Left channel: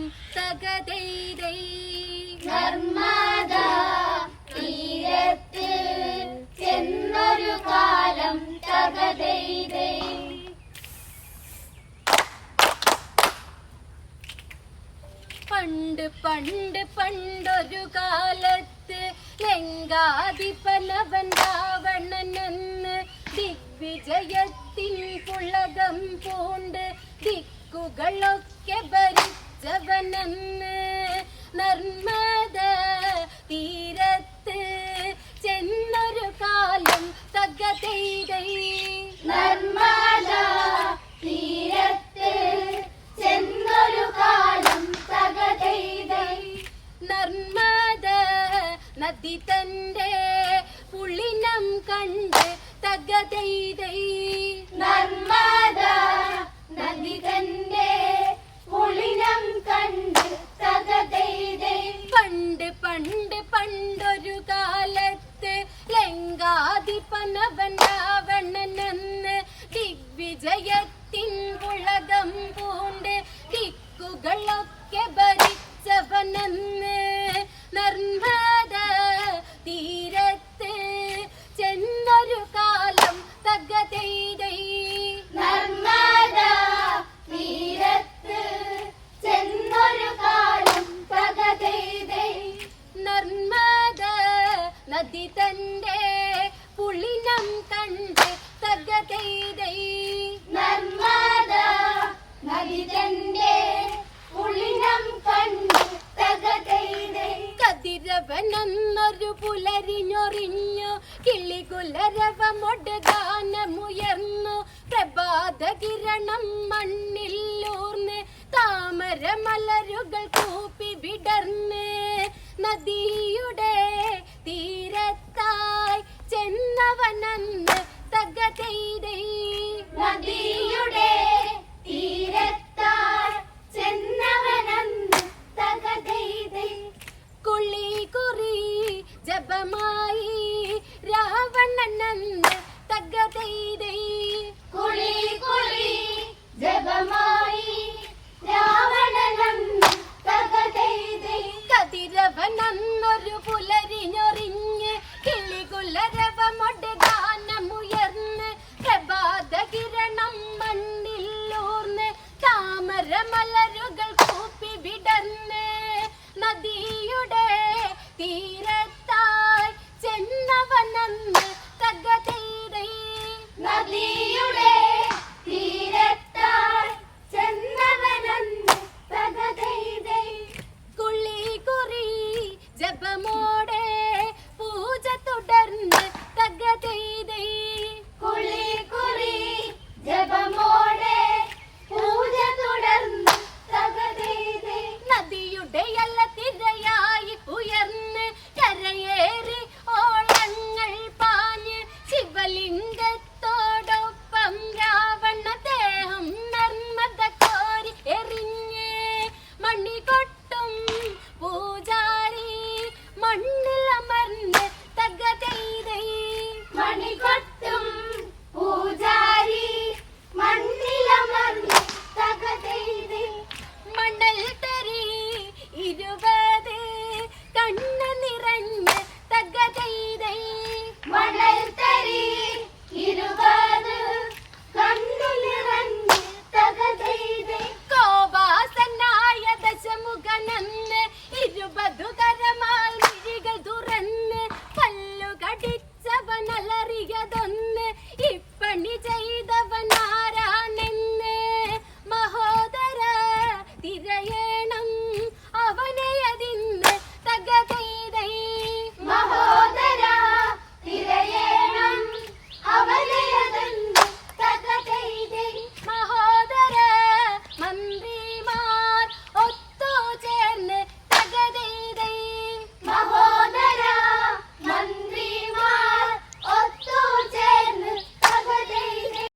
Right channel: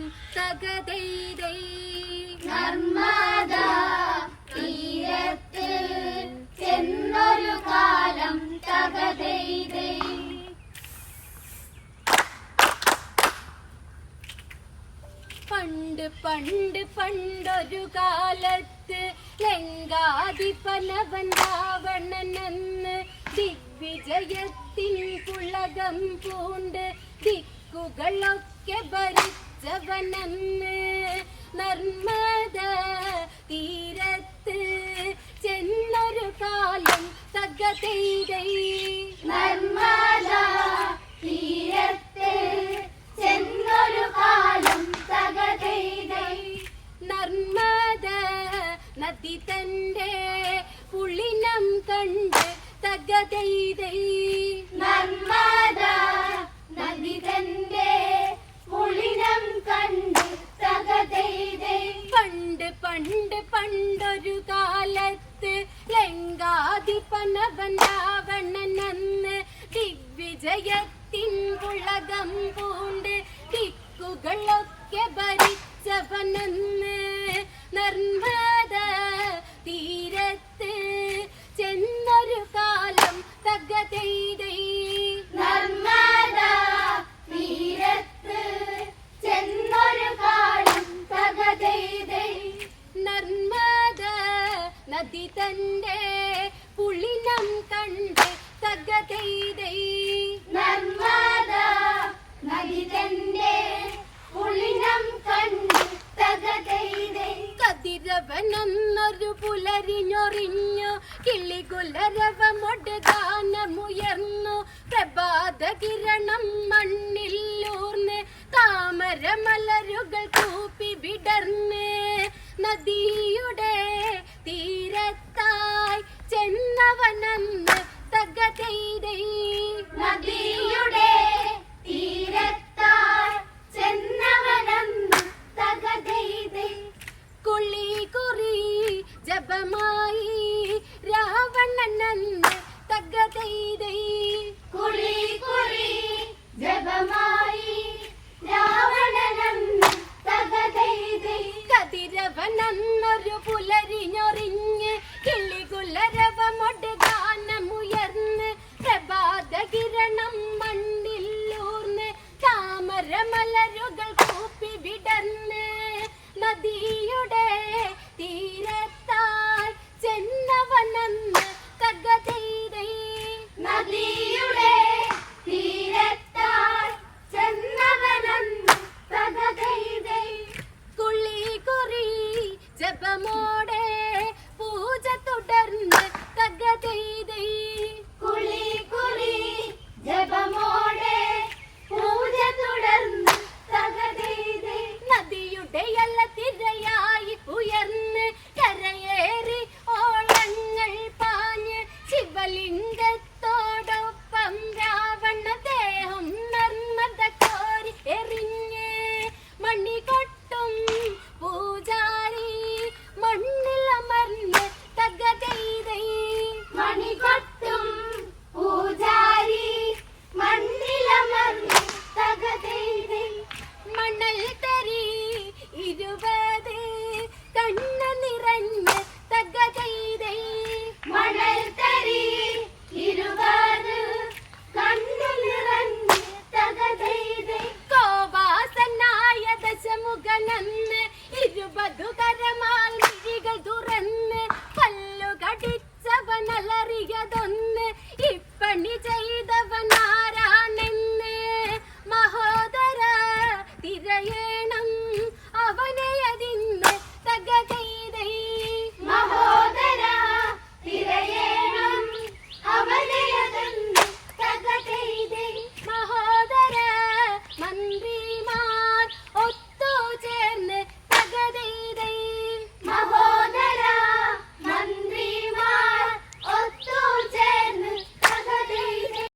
കാലം തകതൈതൈ നർമ്മദ തീരത്ത് ചെന്നൊരു കാലം തകതൈതൈ പണ്ട് പണ്ട് പണ്ടൊരു കാലത്ത് ലങ്കാധിപനവൻ രാവണനെന്ന് ദിഗ്വിജയത്തിൻ പുളകം പൂണ്ട് ദിക്കുകളൊക്കെ ഭരിച്ചവനെന്ന് നർമ്മദ തീരത്ത് ചെന്നൊരു കാലം തകതൈതൈ നർമ്മദ തീരത്ത് ചെന്നൊരു കാലം തകതൈതൈ നർമ്മദ നദി തന്റെ പുളിനം കണ്ട് തകതൈതൈ നർമ്മദ രാവണനെന്ന് ദിഗ്വിജയത്തിൻ പുളകം പൂണ്ട് ദിക്കുകളൊക്കെ ഭരിച്ചവനെന്ന് നർമ്മദ തീരത്ത് ചെന്നൊരു കാലം തകതൈതൈ പുലരിഞ്ഞൊറിഞ്ഞു കിളികുലരവമൊട് ഗാനമുയർന്നു പ്രഭാത കിരണം മണ്ണില്ലൂർന്ന് താമര മലരുകൾ കൂപ്പി വിടർന്ന്. നദിയുടെ തീരത്തായി ചെന്നവനന്ന് ജപമായി രാവണനന്ന് തകതൈതൈ കുളി കുളി कृपमोड़े पूजा तो डरने तगते ಬಣ್ಣ ನಿರಣ್ಯ ತಗ್ಗದೈದೈ ಮಣಲ್ತರಿ